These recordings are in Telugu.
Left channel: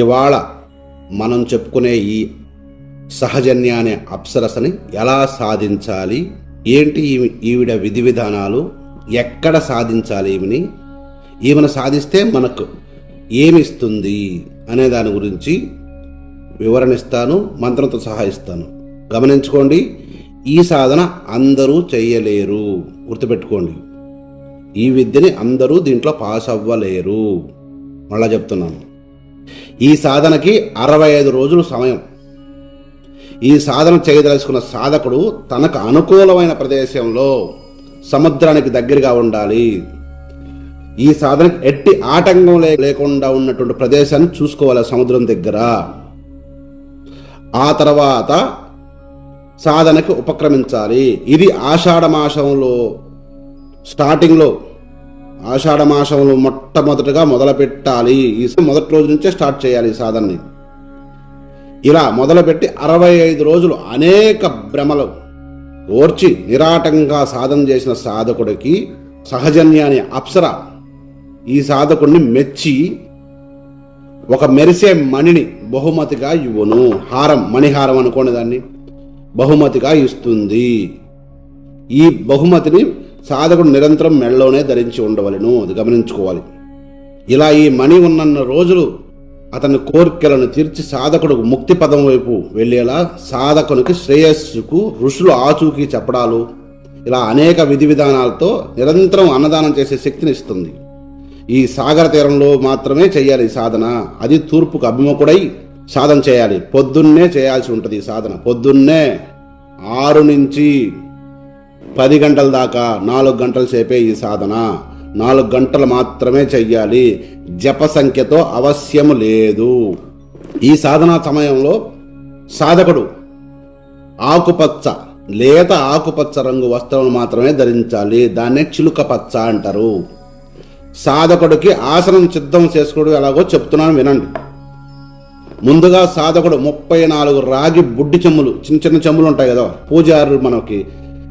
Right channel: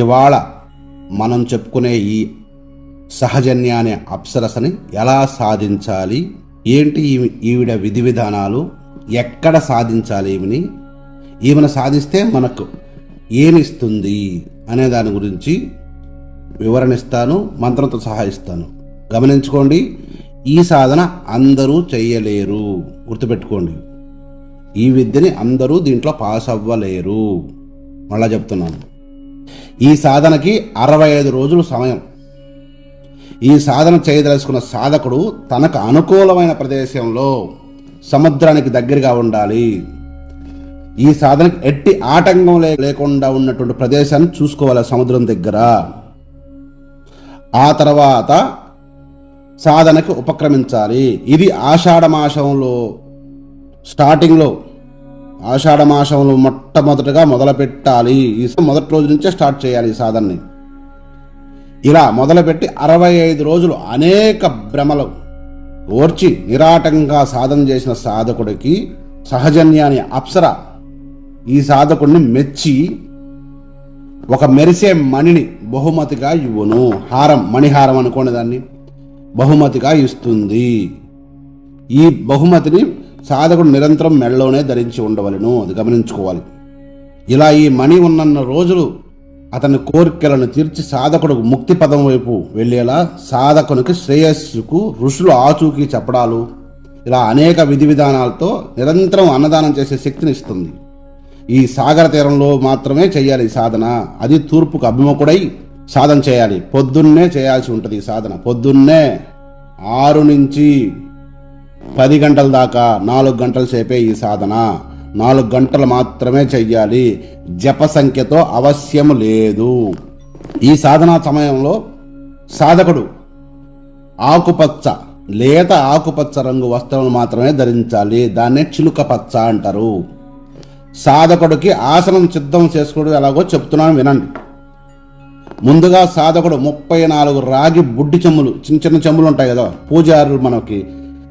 ఇవాళ మనం చెప్పుకునే ఈ సహజన్య అనే అప్సరసని ఎలా సాధించాలి, ఏంటి ఈవిడ విధి విధానాలు, ఎక్కడ సాధించాలి, ఈమెను సాధిస్తే మనకు ఏమిస్తుంది అనే దాని గురించి వివరణిస్తాను, మంత్రంతో సహా ఇస్తాను. గమనించుకోండి, ఈ సాధన అందరూ చెయ్యలేరు, గుర్తుపెట్టుకోండి. ఈ విద్యని అందరూ దీంట్లో పాస్ అవ్వలేరు. మళ్ళా చెప్తున్నాను, ఈ సాధనకి 65 రోజులు సమయం. ఈ సాధన చేయదలుచుకున్న సాధకుడు తనకు అనుకూలమైన ప్రదేశంలో సముద్రానికి దగ్గరగా ఉండాలి. ఈ సాధనకి ఎట్టి ఆటంకం లేకుండా ఉన్నటువంటి ప్రదేశాన్ని చూసుకోవాలి సముద్రం దగ్గర. ఆ తర్వాత సాధనకి ఉపక్రమించాలి. ఇది ఆషాఢమాసంలో స్టార్టింగ్లో, ఆషాఢమాసంలో మొట్టమొదటిగా మొదలు పెట్టాలి. ఈ మొదటి రోజు నుంచే స్టార్ట్ చేయాలి ఈ సాధనని. ఇలా మొదలుపెట్టి 65 రోజులు అనేక భ్రమలు ఓర్చి నిరాటంగా సాధన చేసిన సాధకుడికి సహజన్య అనే అప్సర ఈ సాధకుడిని మెచ్చి ఒక మెరిసే మణిని బహుమతిగా ఇవ్వను. హారం, మణిహారం అనుకోని దాన్ని బహుమతిగా ఇస్తుంది. ఈ బహుమతిని సాధకుడు నిరంతరం మెడలోనే ధరించి ఉండవలను, అది గమనించుకోవాలి. ఇలా ఈ మణి ఉన్న రోజులు అతని కోరికలను తీర్చి సాధకుడు ముక్తి పదం వైపు వెళ్ళేలా సాధకునికి శ్రేయస్సుకు ఋషులు ఆచూకీ చెప్పడాలు, ఇలా అనేక విధి విధానాలతో నిరంతరం అన్నదానం చేసే శక్తిని ఇస్తుంది. ఈ సాగర తీరంలో మాత్రమే చేయాలి ఈ సాధన. అది తూర్పుకు అభిముఖుడై సాధన చేయాలి. పొద్దున్నే చేయాల్సి ఉంటుంది ఈ సాధన. పొద్దున్నే 6 నుంచి 10 గంటల దాకా 4 గంటలు సేపే ఈ సాధన. 4 గంటలు మాత్రమే చెయ్యాలి. జప సంఖ్యతో అవశ్యము లేదు. ఈ సాధనా సమయంలో సాధకుడు ఆకుపచ్చ, లేత ఆకుపచ్చ రంగు వస్త్రాలు మాత్రమే ధరించాలి. దాన్నే చిలుక పచ్చ అంటారు. సాధకుడికి ఆసనం సిద్ధం చేసుకోవడం ఎలాగో చెప్తున్నాను వినండి. ముందుగా సాధకుడు 34 రాగి బుడ్డి చెమ్ములు, చిన్న చిన్న చెమ్ములు ఉంటాయి కదా, పూజారులు మనకి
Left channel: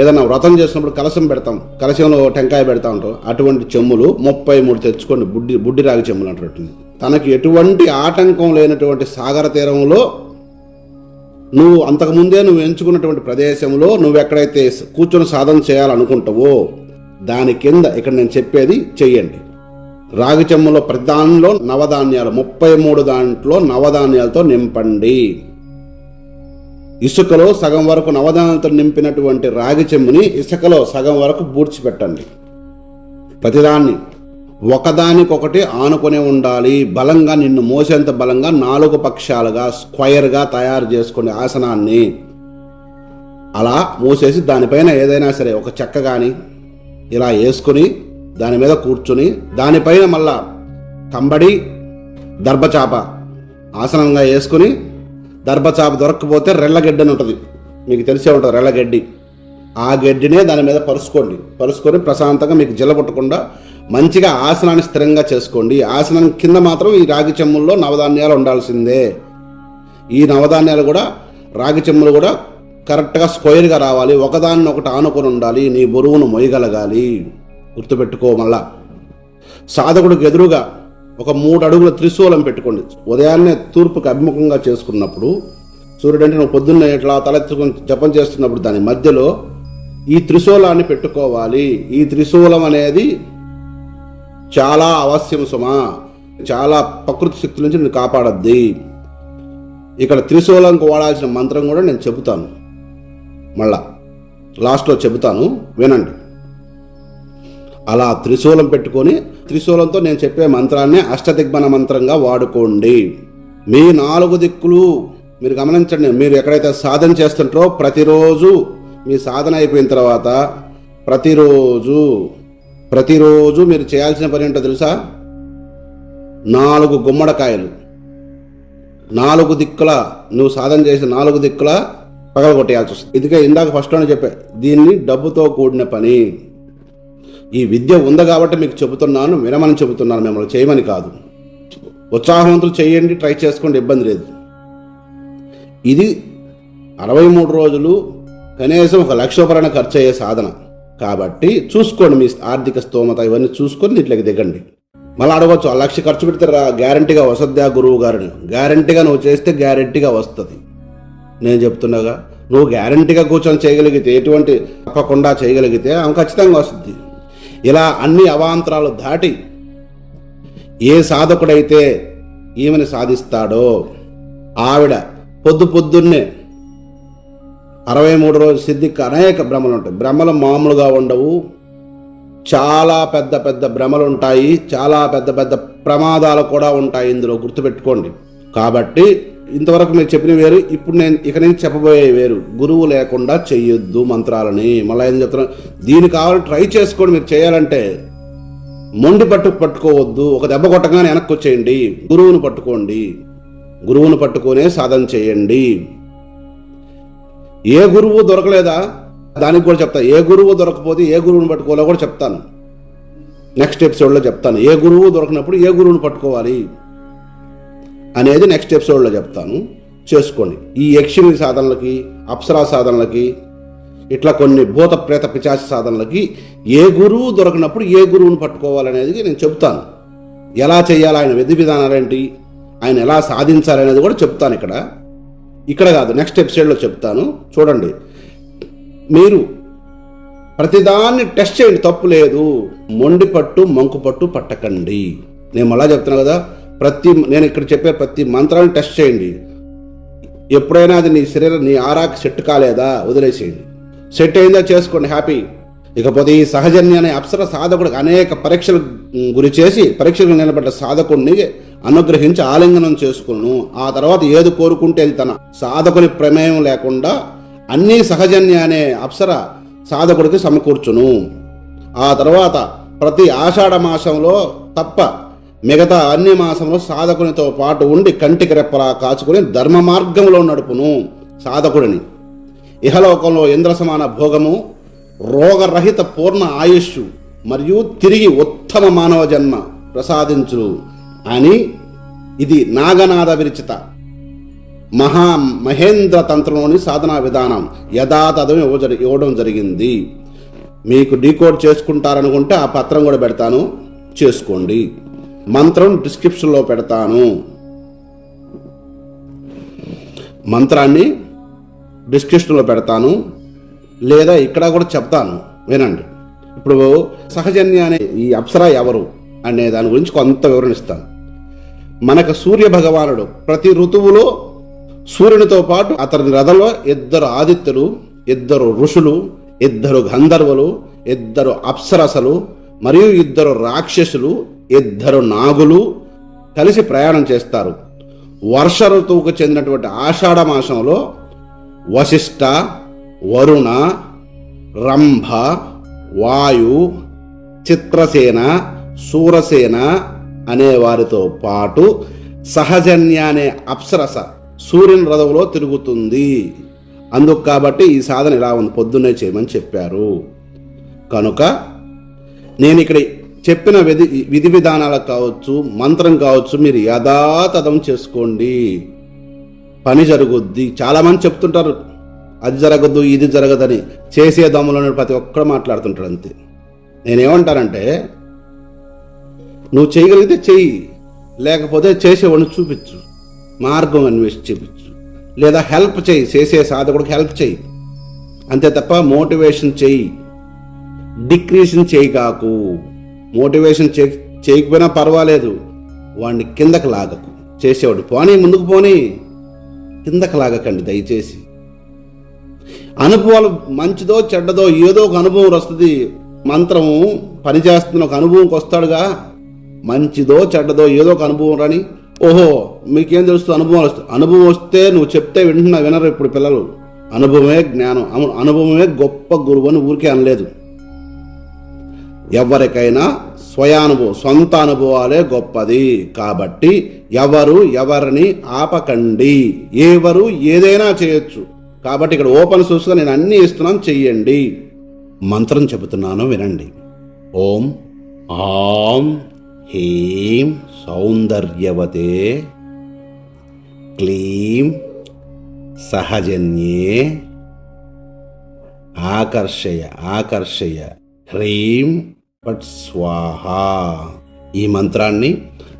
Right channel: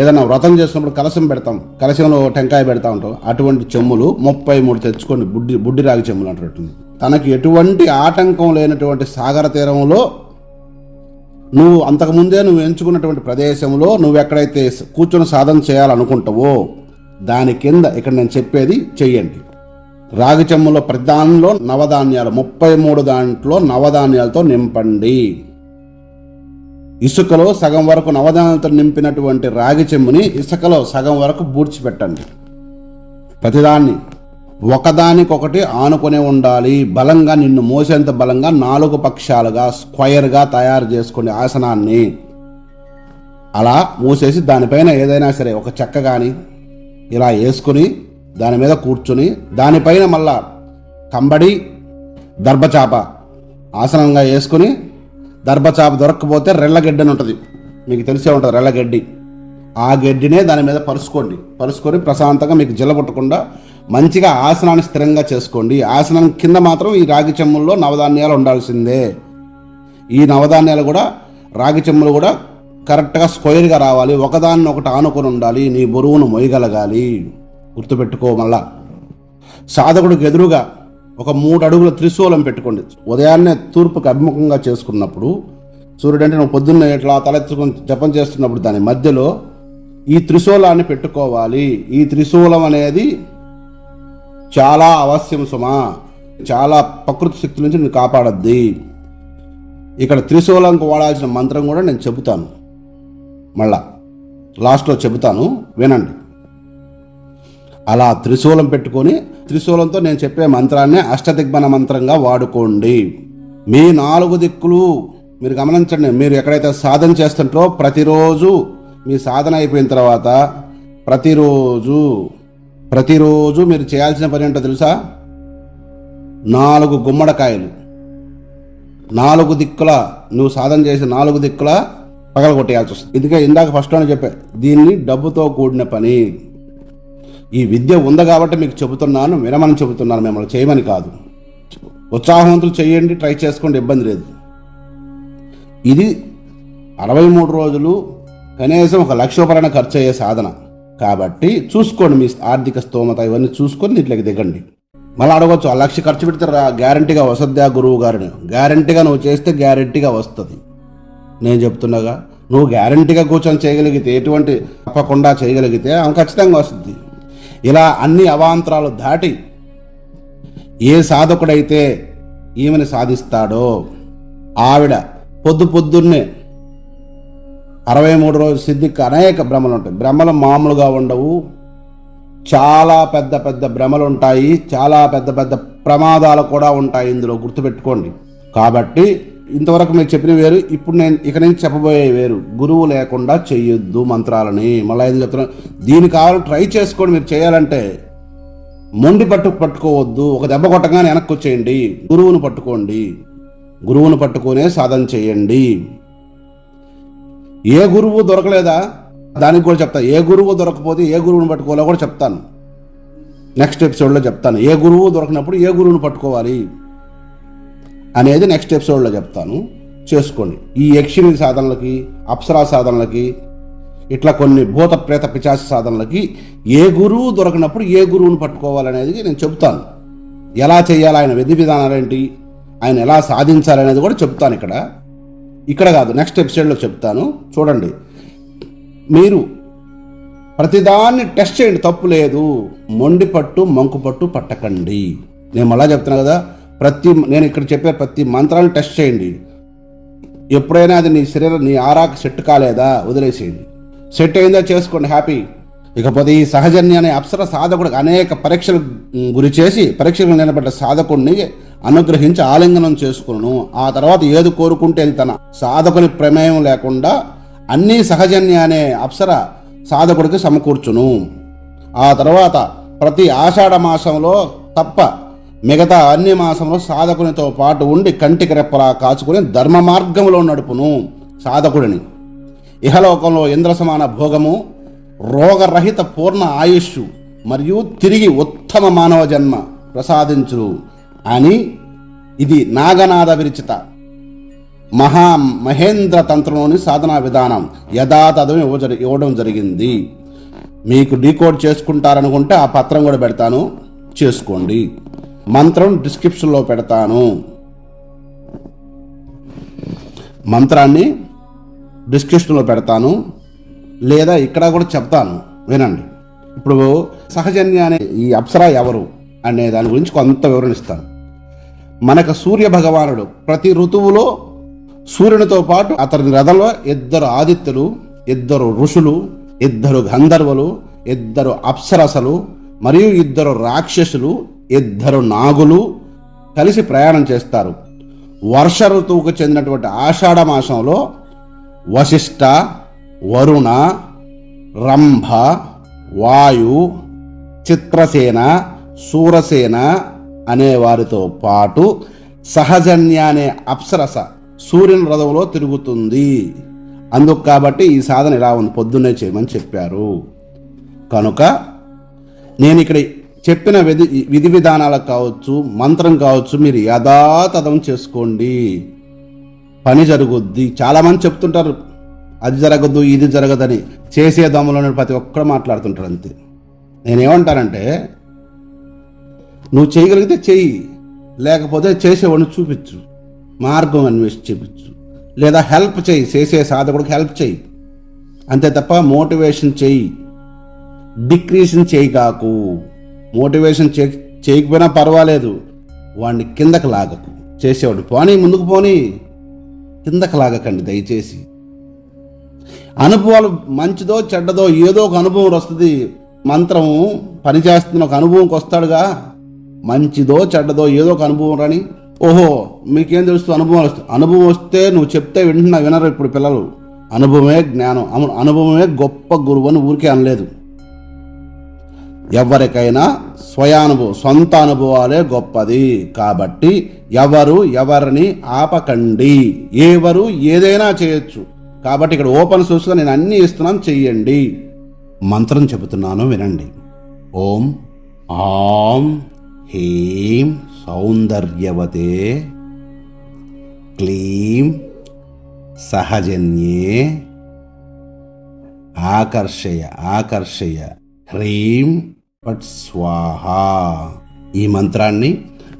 ఏదైనా వ్రతం చేసినప్పుడు కలశం పెడతాం, కలశంలో టెంకాయ పెడతా ఉంటాం, అటువంటి చెమ్ములు 33 తెచ్చుకోండి. బుడ్డి రాగి చెమ్ములు అంటున్నట్టుంది. తనకి ఎటువంటి ఆటంకం లేనటువంటి సాగర తీరంలో, నువ్వు అంతకుముందే నువ్వు ఎంచుకున్నటువంటి ప్రదేశంలో నువ్వు ఎక్కడైతే కూర్చొని సాధన చేయాలనుకుంటావో దాని కింద ఇక్కడ నేను చెప్పేది చెయ్యండి. రాగి చెమ్ములో ప్రతి దానిలో నవధాన్యాలు, 33 దాంట్లో నవధాన్యాలతో నింపండి. ఇసుకలో సగం వరకు నవధాన్యాలతో నింపినటువంటి రాగి చెమ్ముని ఇసుకలో సగం వరకు బూడ్చిపెట్టండి. ప్రతిదాన్ని ఒకదానికొకటి ఆనుకొని ఉండాలి. బలంగా, నిన్ను మోసేంత బలంగా 4 పక్షాలుగా స్క్వైర్గా తయారు చేసుకునే ఆసనాన్ని అలా మూసేసి దానిపైన ఏదైనా సరే ఒక చెక్క కానీ ఇలా వేసుకుని దాని మీద కూర్చుని దానిపైన మళ్ళా కంబడి దర్భచాప ఆసనంగా వేసుకుని, దర్భచాప దొరక్కపోతే రెల్లగడ్డి అని ఉంటుంది, మీకు తెలిసే ఉంటుంది రెల్లగడ్డి. ఆ గడ్డినే దాని మీద పరుచుకొని ప్రశాంతంగా మీకు జల్లబుట్టకుండా మంచిగా ఆసనాన్ని స్థిరంగా చేసుకోండి. ఆసనం కింద మాత్రం ఈ రాగి చెమ్ముల్లో నవధాన్యాలు ఉండాల్సిందే. ఈ నవధాన్యాలు కూడా, రాగి చెమ్ములు కూడా కరెక్ట్గా స్క్వేర్గా రావాలి. ఒకదాన్ని ఒకటి ఆనుకొని ఉండాలి. నీ బరువును మొయ్యగలగాలి. గుర్తుపెట్టుకో. మళ్ళా సాధకుడికి ఎదురుగా ఒక 3 అడుగుల త్రిశూలం పెట్టుకోండి. ఉదయాన్నే తూర్పుకి అభిముఖంగా చేసుకున్నప్పుడు, సూర్యుడు అంటే నువ్వు పొద్దున్నే ఇట్లా తలెత్తుకొని జపం చేస్తున్నప్పుడు దాని మధ్యలో ఈ త్రిశూలాన్ని పెట్టుకోవాలి. ఈ త్రిశూలం అనేది చాలా అవశ్యం సుమా. చాలా ప్రకృతి శక్తి నుంచి నేను కాపాడద్ది. ఇక్కడ త్రిశూలంకు వాడాల్సిన మంత్రం కూడా నేను చెబుతాను, మళ్ళా లాస్ట్లో చెబుతాను, వినండి. అలా త్రిశూలం పెట్టుకొని, త్రిశూలంతో నేను చెప్పే మంత్రాన్ని అష్టదిగ్మన మంత్రంగా వాడుకోండి. మీ 4 దిక్కులు మీరు గమనించండి. మీరు ఎక్కడైతే సాధన చేస్తుంటారో ప్రతిరోజు మీ సాధన అయిపోయిన తర్వాత ప్రతిరోజు మీరు చేయాల్సిన పని ఏంటో తెలుసా? 4 గుమ్మడికాయలు 4 దిక్కుల, నువ్వు సాధన చేసి 4 దిక్కుల పగలగొట్టేయాల్సి వస్తుంది. ఇదికే ఇందాక ఫస్ట్లోనే చెప్పా, దీన్ని డబ్బుతో కూడిన పని. ఈ విద్య ఉంది కాబట్టి మీకు చెబుతున్నాను, వినమని చెబుతున్నాను, మిమ్మల్ని చేయమని కాదు. ఉత్సాహవంతులు చేయండి, ట్రై చేసుకోండి, ఇబ్బంది లేదు. ఇది 63 రోజులు కనీసం 1 లక్ష రూపాయలైనా ఖర్చు అయ్యే సాధన కాబట్టి చూసుకోండి. మీ ఆర్థిక స్తోమత ఇవన్నీ చూసుకొని ఇట్లకి దిగండి. మళ్ళీ అడగవచ్చు, ఆ 1,00,000 ఖర్చు పెడితే గ్యారంటీగా వస్తుందా గురువు గారిని? గ్యారంటీగా నువ్వు చేస్తే గ్యారంటీగా వస్తుంది. నేను చెప్తున్నాగా, నువ్వు గ్యారంటీగా కూర్చొని చేయగలిగితే, ఎటువంటి తప్పకుండా చేయగలిగితే ఆమె ఖచ్చితంగా వస్తుంది. ఇలా అన్ని అవాంతరాలు దాటి ఏ సాధకుడైతే ఈమెను సాధిస్తాడో ఆవిడ పొద్దున్నే 63 రోజుల సిద్ధికి అనేక భ్రమలు ఉంటాయి. భ్రమలు మామూలుగా ఉండవు, చాలా పెద్ద పెద్ద భ్రమలు ఉంటాయి, చాలా పెద్ద పెద్ద ప్రమాదాలు కూడా ఉంటాయి ఇందులో, గుర్తుపెట్టుకోండి. కాబట్టి ఇంతవరకు నేను చెప్పిన వేరు, ఇప్పుడు నేను ఇక నుంచి చెప్పబోయే వేరు. గురువు లేకుండా చెయ్యొద్దు మంత్రాలని. మళ్ళీ ఏం చెప్తున్నాను, దీన్ని కావాలి ట్రై చేసుకోండి. మీరు చేయాలంటే మొండి పట్టుకోవద్దు, ఒక దెబ్బ కొట్టగానే వెనక్కి వచ్చేయండి. గురువును పట్టుకోండి, గురువును పట్టుకునే సాధన చేయండి. ఏ గురువు దొరకలేదా, దానికి కూడా చెప్తా. ఏ గురువు దొరకపోతే ఏ గురువుని పట్టుకోవాలో కూడా చెప్తాను, నెక్స్ట్ ఎపిసోడ్లో చెప్తాను. ఏ గురువు దొరకనప్పుడు ఏ గురువుని పట్టుకోవాలి అనేది నెక్స్ట్ ఎపిసోడ్లో చెప్తాను. చేసుకోండి. ఈ యక్షిణి సాధనలకి, అప్సరా సాధనలకి, ఇట్లా కొన్ని భూత ప్రేత పిశాచ సాధనలకి ఏ గురువు దొరకనప్పుడు ఏ గురువుని పట్టుకోవాలనేది నేను చెప్తాను. ఎలా చేయాలి, ఆయన విధి విధానాలు ఏంటి, ఆయన ఎలా సాధించాలనేది కూడా చెప్తాను. ఇక్కడ కాదు, నెక్స్ట్ ఎపిసోడ్లో చెప్తాను. చూడండి, మీరు ప్రతిదాన్ని టెస్ట్ చేయండి, తప్పు లేదు. మొండి పట్టు మంకు పట్టు పట్టకండి. నేను మళ్ళా చెప్తున్నాను కదా, నేను ఇక్కడ చెప్పే ప్రతి మంత్రాన్ని టెస్ట్ చేయండి. ఎప్పుడైనా అది నీ శరీరం, నీ ఆరాకి సెట్ కాలేదా, వదిలేసేయండి. సెట్ అయిందా చేసుకోండి, హ్యాపీ. ఇకపోతే ఈ సహజన్య అనే అప్సర సాధకుడికి అనేక పరీక్షలు గురి చేసి, పరీక్షలు నిలబడ్డ సాధకుడిని అనుగ్రహించి ఆలింగనం చేసుకును. ఆ తర్వాత ఏది కోరుకుంటే తన సాధకుని ప్రమేయం లేకుండా అన్నీ సహజన్య అనే అప్సర సాధకుడికి సమకూర్చును. ఆ తర్వాత ప్రతి ఆషాఢ మాసంలో తప్ప మిగతా అన్ని మాసంలో సాధకునితో పాటు ఉండి కంటికి రెప్పలా కాచుకుని ధర్మ మార్గంలో నడుపును సాధకుడిని. ఇహలోకంలో ఇంద్ర సమాన భోగము, రోగరహిత పూర్ణ ఆయుష్ మరియు తిరిగి ఉత్తమ మానవ జన్మ ప్రసాదించును అని ఇది నాగనాద విరచిత మహేంద్ర తంత్రంలోని సాధనా విధానం యథాతథం ఇవ్వడం జరిగింది. మీకు డీకోడ్ చేసుకుంటారనుకుంటే ఆ పత్రం కూడా పెడతాను, చేసుకోండి. మంత్రం డిస్క్రిప్షన్లో పెడతాను, మంత్రాన్ని డిస్క్రిప్షన్లో పెడతాను, లేదా ఇక్కడ కూడా చెప్తాను, వినండి. ఇప్పుడు సహజన్య అనే ఈ అప్సర ఎవరు అనే దాని గురించి కొంత వివరణిస్తాను. మనకు సూర్య భగవానుడు ప్రతి ఋతువులో సూర్యునితో పాటు అతని రథంలో 2 ఆదిత్యులు, 2 ఋషులు, 2 గంధర్వులు, 2 అప్సరసలు మరియు 2 రాక్షసులు, 2 నాగులు కలిసి ప్రయాణం చేస్తారు. వర్ష ఋతువుకు చెందినటువంటి ఆషాఢ మాసంలో వశిష్ఠ, వరుణ, రంభ, వాయు, చిత్రసేన, శూరసేన అనే వారితో పాటు సహజన్య అనే అప్సరస సూర్యుని రథంలో తిరుగుతుంది. అందుకు కాబట్టి ఈ సాధన ఇలా ఉంది, పొద్దున్నే చేయమని చెప్పారు. కనుక నేను ఇక్కడ చెప్పిన విధి విధానాలకు కావచ్చు, మంత్రం కావచ్చు, మీరు యథాతథం చేసుకోండి, పని జరుగుద్ది. చాలామంది చెప్తుంటారు అది జరగదు ఇది జరగదని, చేసే దమ్ములను ప్రతి ఒక్కరు మాట్లాడుతుంటాడు అంతే. నేనేమంటానంటే, నువ్వు చేయగలిగితే చెయ్యి, లేకపోతే చేసేవాడిని చూపించు, మార్గం అన్వేషించి చూపించు, లేదా హెల్ప్ చేయి, చేసే సాధకుడికి హెల్ప్ చేయి, అంతే తప్ప మోటివేషన్ చేయి, డిక్రీషన్ చేయి కాకు. మోటివేషన్ చేయకపోయినా పర్వాలేదు, వాడిని కిందకి లాగకు. చేసేవాడు పోనీ, ముందుకు పోనీ, కిందకి లాగకండి దయచేసి. అనుభవాలు మంచిదో చెడ్డదో ఏదో ఒక అనుభవం వస్తుంది. మంత్రము పనిచేస్తున్న ఒక అనుభవంకి వస్తాడుగా, మంచిదో చెడ్డదో ఏదో ఒక అనుభవం రాని, ఓహో మీకేం తెలుస్తుంది, అనుభవం వస్తుంది. అనుభవం వస్తే నువ్వు చెప్తే వినరు ఇప్పుడు పిల్లలు. అనుభవమే జ్ఞానం, అనుభవమే గొప్ప గురువు అని ఊరికే అనలేదు. ఎవరికైనా స్వయానుభవం, సొంత అనుభవాలే గొప్పది. కాబట్టి ఎవరిని ఆపకండి, ఎవరు ఏదైనా చేయొచ్చు. కాబట్టి ఇక్కడ ఓపెన్ సోర్స్గా నేను అన్నీ ఇస్తున్నాను, చెయ్యండి. మంత్రం చెబుతున్నాను, వినండి. ఓం ఆం హ్రీం సౌందర్యవతే క్లీం సహజన్యే ఆకర్షయ హ్రీం పట్ స్వాహ. ఈ మంత్రాన్ని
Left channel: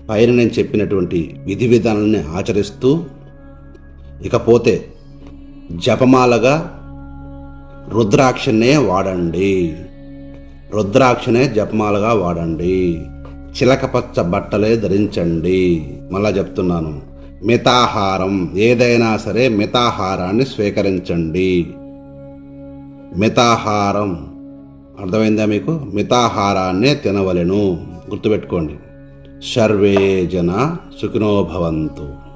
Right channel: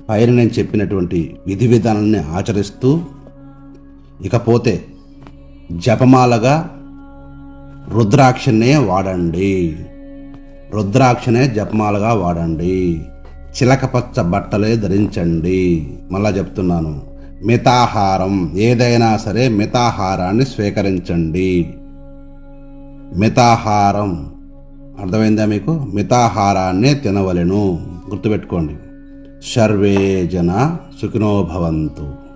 పైన నేను చెప్పినటువంటి విధి విధానాన్ని ఆచరిస్తూ, ఇకపోతే జపమాలగా రుద్రాక్షనే వాడండి. రుద్రాక్షనే జపమాలగా వాడండి. చిలకపచ్చ బట్టలే ధరించండి. మళ్ళా చెప్తున్నాను, మితాహారం, ఏదైనా సరే మితాహారాన్ని స్వీకరించండి. మితాహారం అర్థమైందా మీకు? మితాహారాన్నే తినవలెను. గుర్తుపెట్టుకోండి. సర్వే జన సుఖినో భవంతు.